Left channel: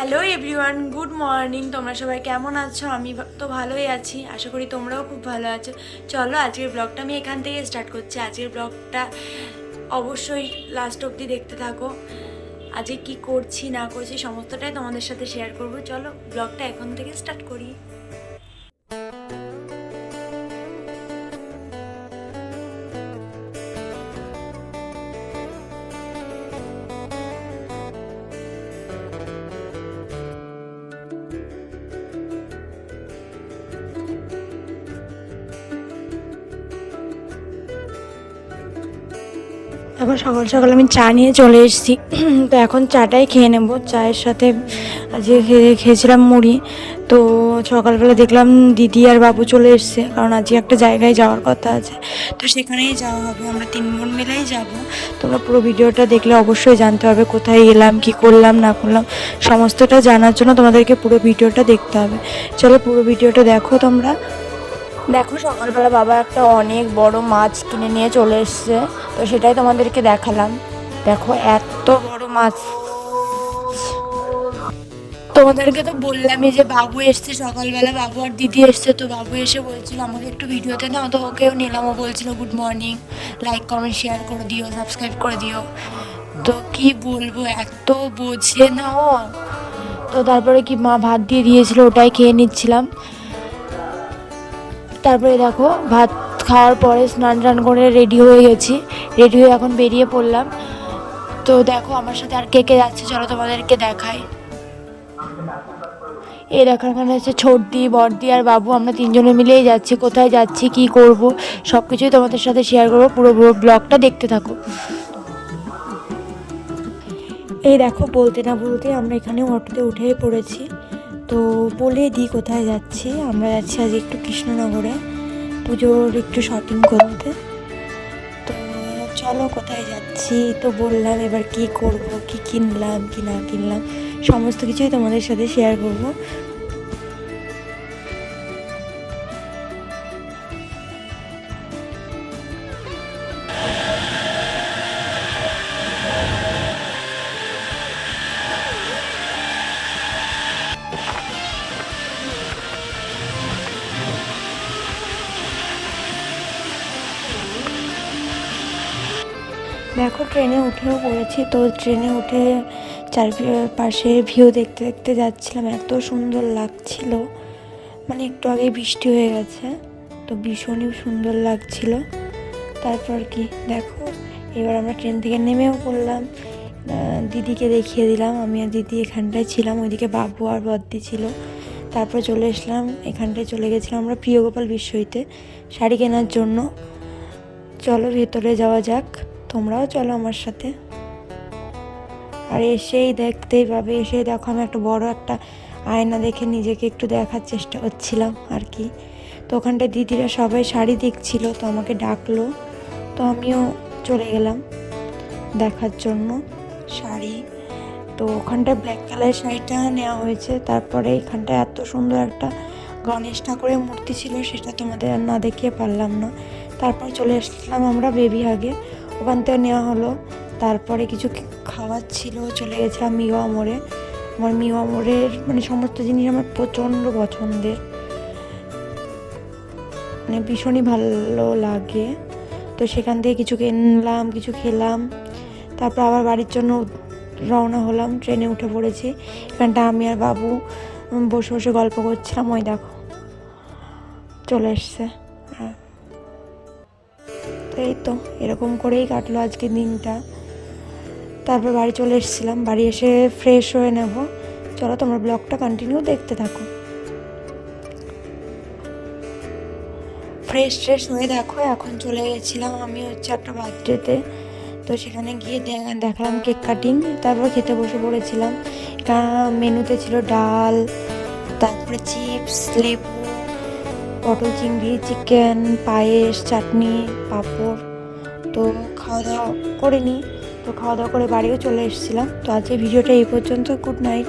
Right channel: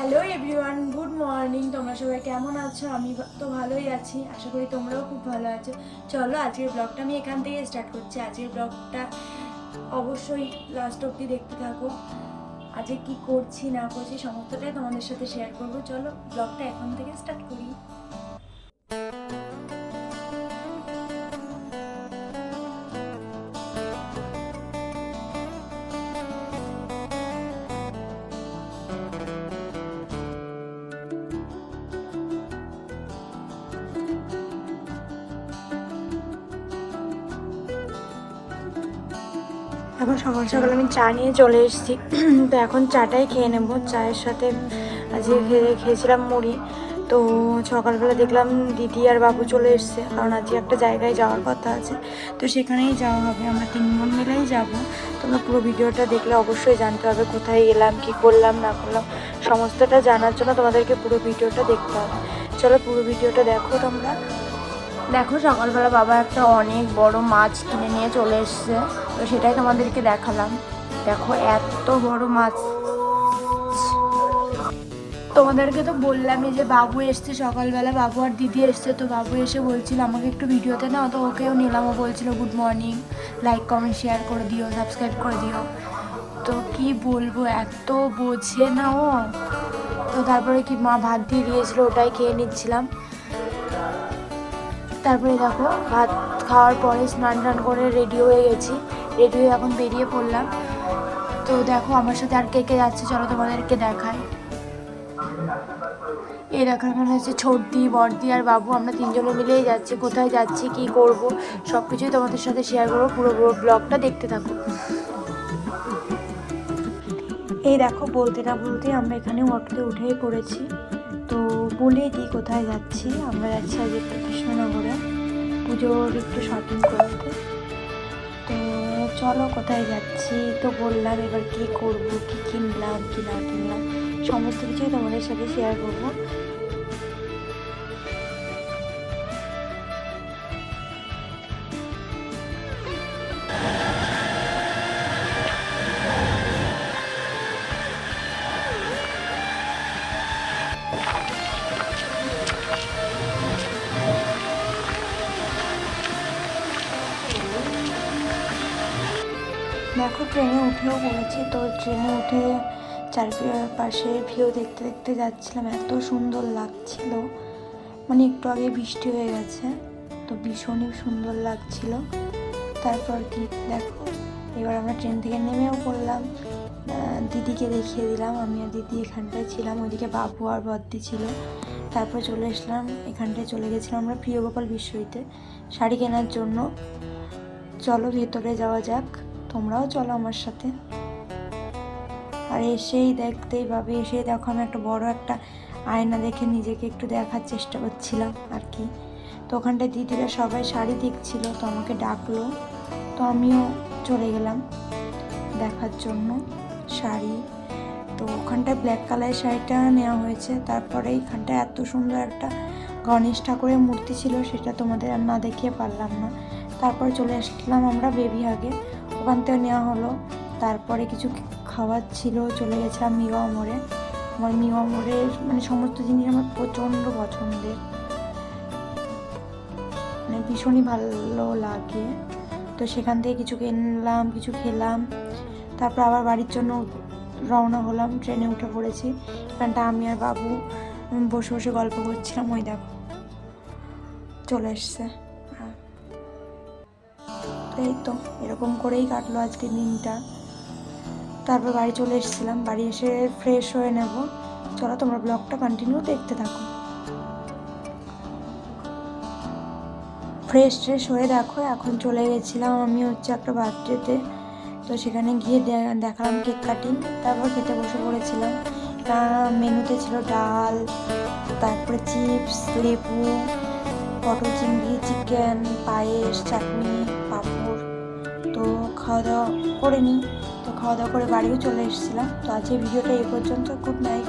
Hello everyone, good morning. তোমরা সবাই কেমন আছো? আমি তো ভালোই আছি, আশা করি তোমরাও খুব ভালো আছো। চলো আজকের ব্লগটা আমি এখান থেকে স্টার্ট করছি। আজকের ব্লগটা অবশ্যই লাস্ট অবধি দেখতে থাকো। আজকে কি করছি না করছি সমস্তটাই তোমাদের সাথে শেয়ার করব। চলো ব্লগটা এখন থেকে স্টার্ট করি। এখন সকাল সকাল আমি চা নিয়ে চলে এসেছি। তো এখন চাটাই খেয়ে নেবো। চায়ের সাথে যে খেয়েছিলাম মুড়ি। তো সকালবেলা দেখলাম দিদি আর বাবু চলে এসছে, কারণ আজকে একটা জায়গায় যাওয়ার কথা আছে, তো সেখানেই যাওয়া হবে। আমরা 3 বোন মিলেই যাব। তোমরা পুরো ভিডিওটা দেখলে অবশ্যই জানতে হবে কোথায় এলাম, কি করলাম না করলাম, সমস্তটা জানার জন্য তোমাদেরকে পুরো ভিডিওটা দেখতে হবে। চলো পুরো ভিডিওটা দেখো তোমরা। দেখো সকালবেলা বাবা একটা অনেক বড় মাছ কিনে নিয়ে চলে এসছে, তো সেটাই তোমাদেরকে দেখালাম। দেখো এত বড় মাছ। তোমাদেরকে তো বললামই যে বাবু এসছে সকালবেলা, বাবু আর দিদি এসছে। তো বাবু এসে বলছিল আমাকে একটু ভিডিওতে নাও, তো ওকেও নিলাম। ও বলছিল good morning, like comment share করে দিও, সাবস্ক্রাইব করে দিও। তো কি বলবো, এত বোঝে না ও। তো তারপরে কি মা ভাত দিয়ে দিয়েছিল, ওটাই খেয়ে নিচ্ছিলাম। তারপরে দেখো ভাত খাওয়ার পরে স্নান টান করে রেডি হয়ে গেছি। রেডি হয়ে এখন বেরিয়ে পড়লাম। তো দেখো আমার সাথে আর কে কে যাচ্ছে, চলো তোমাদেরকে দেখাই। এই দেখো ওখানে হচ্ছে ছোটদি, বড়দি আর বাবু, আমরা 3 জনে মিলেই যাচ্ছি। কোথায় যাচ্ছি, কি করব, সব কিছুই তোমাদের সাথে শেয়ার করবো। পুরো ব্লগটা দেখতে থাকো। এই দেখো বলতে না বলতে আমরা এখানে অটোতে উঠেই পড়েছি। তো বলে দিই কোথায় যাচ্ছি। আমরা যাচ্ছি আজ একটু কৃষ্ণনগরে পুজোর একটু শপিং করতে। তো চলো কোথায় যাচ্ছি তো বললাম, এবার কি করবো, কি কিনলাম কি না কিনলাম সমস্ত কিছুই তোমাদের সাথে শেয়ার করবো। দেখো ট্রেনে উঠেও পড়েছি। তো ট্রেনে উঠে চারপাশে ভিউ দেখতে দেখতে যাচ্ছিলাম, এত সুন্দর লাগছিল। মানে একটু আগে বৃষ্টি হয়ে গেছে, তো ভীষণই সুন্দর লাগছিল। তারপর কি দেখো, এবার আমরা ট্রেন থেকে নেমেও পড়লাম। দিদিকে দেখিয়ে দিলাম, আমি আর দিদি এখানটায় ছিলাম, ওইদিকে বাবু আর বদ্দি ছিল। তারপরে চলে এসলাম, এখানটায় চলে গেছিলাম আমরা প্রিয়গোপাল বিশ্বইতে শাড়ি কেনার জন্য। চলো ভেতরে যাওয়া যাক, তোমরাও চলো আমার সাথে। আর এসেই দেখতেই পাবে, এসেই দেখো আমি একটা বড় একটা আয়না দেখে নিজেকে একটু দেখার চেষ্টা করছিলাম আর কি। তো ওখানটায় দিদিরা সবাই শাড়ি দেখছিল, তো আমাকে ডাকলো, তো আমিও চলে গেলাম দেখার জন্য শাড়ি। তো ওখানটায় ব্ল্যাক কালারের শাড়িটা নেওয়া হয়েছে। তারপরে এখানটায় এত সুন্দর একটা গণেশ ঠাকুরের মূর্তি ছিল, সেটা তোমাদের না দেখিয়ে পারলাম না। তারপর চলে আসলাম আমরা বেবি হাগে, ওখান থেকে নেওয়া হলো। তারপরে কিছু খাওয়ার ছিল, চলে গেছিলাম মিওয়া মোড়ে। আমার মিওয়া মোড়ের মানে সমস্ত জিনিস আমার প্রচণ্ড পছন্দের, মানে ভীষণই ভালো লাগে। তো সেখান থেকে কিছু কিনলাম, কিছু খেলাম। তারপর আবার বাড়ির জন্য রওনা হলাম, ট্রেনে উঠে পড়েছি। এখানটা আমি আর বাবু বসে বসে গল্প করছিলাম, ওই দেখো চলে এসছে। এই তো এরকম করেই কাটলো আজকের দিনটা। তারপর বাড়ি চলে এসেছিলাম, বাড়ি এসে ফ্রেশ হয়ে নেব। চলো তোমরা ব্লগটা কন্টিনিউ দেখতে থাকো। ফ্রেশ হয়ে দেখো এখন চলে গেছিলাম আমি হচ্ছে একটা বার্থডেতে। তো সেখানে গিয়ে দেখলাম কেক কাটিং, তারপর খেতে বসে পড়েছিলাম। মেনুতে ছিল ডাল, তারপরে চিপস, লেবু, পটল চিংড়ি, চিকেন, পায়েস, চাটনি, পাঁপড়। তো খাওয়া দাওয়া করে নিই। তো খাওয়া দাওয়া করে বাড়িও চলে এসেছিলাম। তো আজকে ভিডিওটা এই পর্যন্ত। Good night.